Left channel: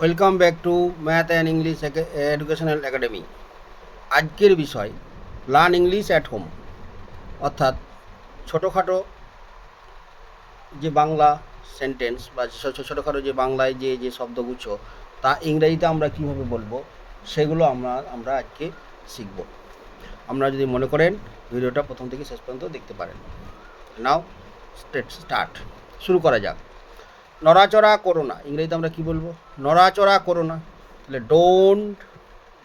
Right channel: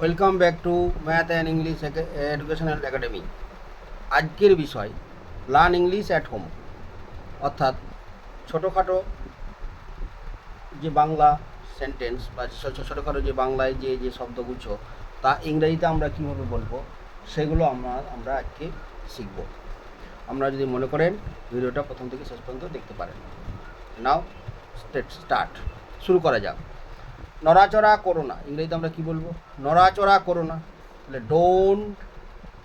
Welcome back to math and English educational academy. আজকের বিষয় learn English at home, অর্থাৎ ছোটোখাটো যে বাংলা সেন্টেন্স বা ছোটোখাটো যে বাংলায় যে শব্দগুচ্ছ তা ইংরেজিতে আমরা কীভাবে বলবো সেগুলো আমরা আজকে শিখব। আপনারা যদি মনে করেন ভিডিওটা প্রথম থেকে শেষ পর্যন্ত দেখতে পারেন। নাও স্টার্ট, শুরু করা যাক। নড়াচড়া করো না, ইংরেজিতে আমরা কী বলবো? নড়াচড়া করো না। তাহলে ডোন্ট,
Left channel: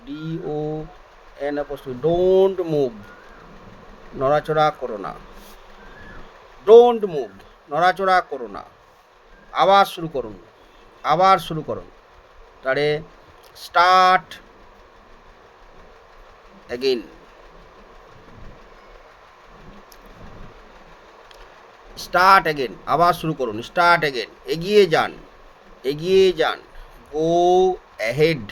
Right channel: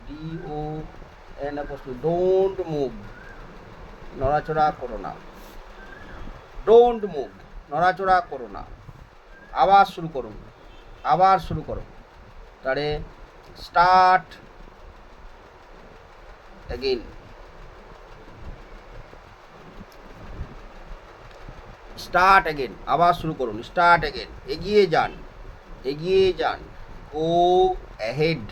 DON ডোন্ট মুভ, নড়াচড়া করো না। ডোন্ট মুভ, নড়াচড়া করো না। আবার শুরু করুন, আবার শুরু করুন। তাহলে স্টার্ট অ্যাগেইন। স্টার্ট অ্যাগেন, আবার শুরু করুন। স্টার্ট অ্যাগেন, এগিয়ে যান, এগিয়ে যান। Go ahead,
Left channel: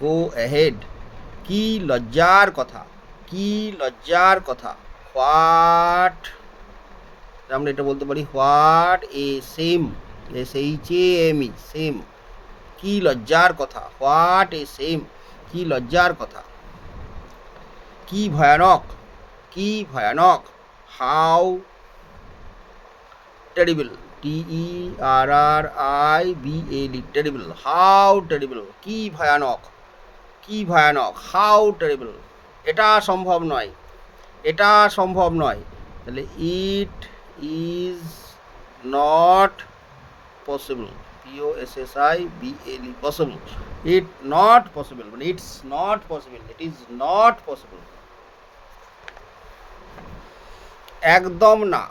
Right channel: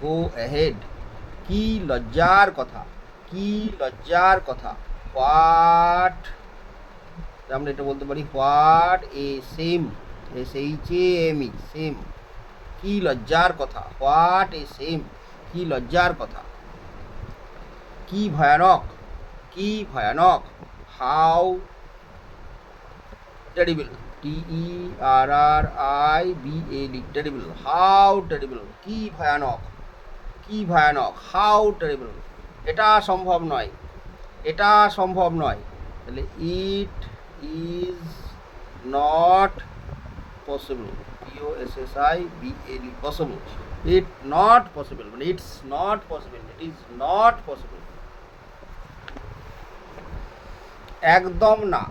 go ahead. কি লজ্জার কথা, কি লজ্জার কথা। হোয়াট, আমরা এটা বলতে পারি what a same, SHAME, same. কি লজ্জার কথা, হোয়াট এ সেম, কি লজ্জার কথা। কি ভয়ানক, কি ভয়ানক। How terrible, TERRIBL, terrible, how terrible, কি ভয়ানক, কি ভয়ানক। হাউ টেরিবল, এটা সম্ভব নয়, এটা সম্ভব নয়। তাহলে it is not possible, POSSIBLE, possible. It not possible, মানে it's not possible, it is not possible. একদম না,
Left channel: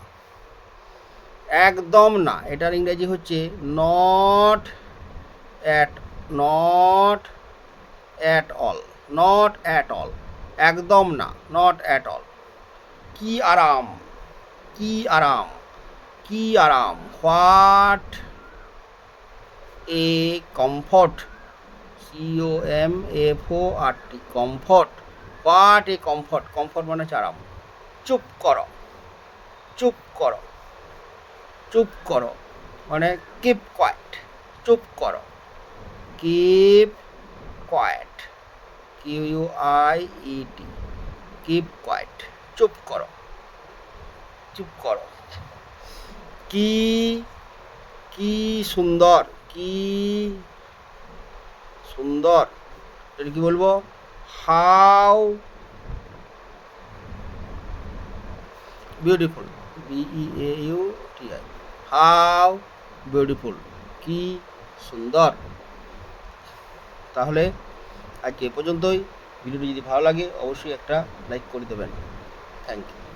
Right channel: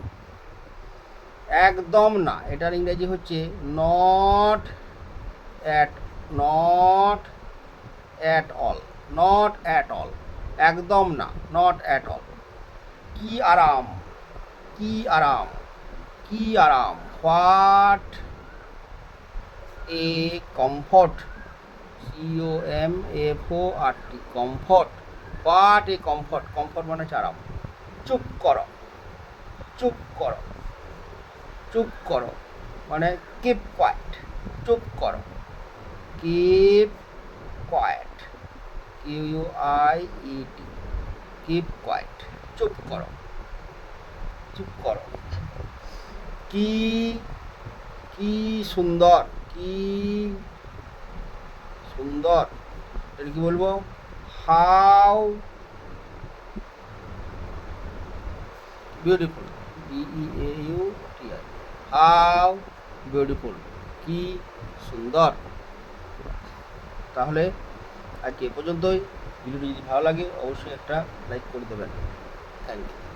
একদম না, এটার ইংরেজি হচ্ছে not at, not at all, not at all. একদম না, নট অ্যাট অল। কি আরাম, কি আরাম, কি আরাম। What a comfort, COMFORT, comfort. What a comfort, comfort মানে হচ্ছে আরাম। চুপ করো, চুপ করো, চুপ করো মানে কিপ কোয়াইট, চুপ করো। Keep quiet, QUIET, keep quiet, চুপ করো, চুপ করো। কি, কি সুন্দর, কি সুন্দর। এটা কি বলবো? How beautiful, BEAUTI, how beautiful, কি সুন্দর। তাহলে আজকে এ পর্যন্তই। ভিডিওটি যদি ভালো লাগে অবশ্যই একটা লাইক করে দেবেন। Thank you.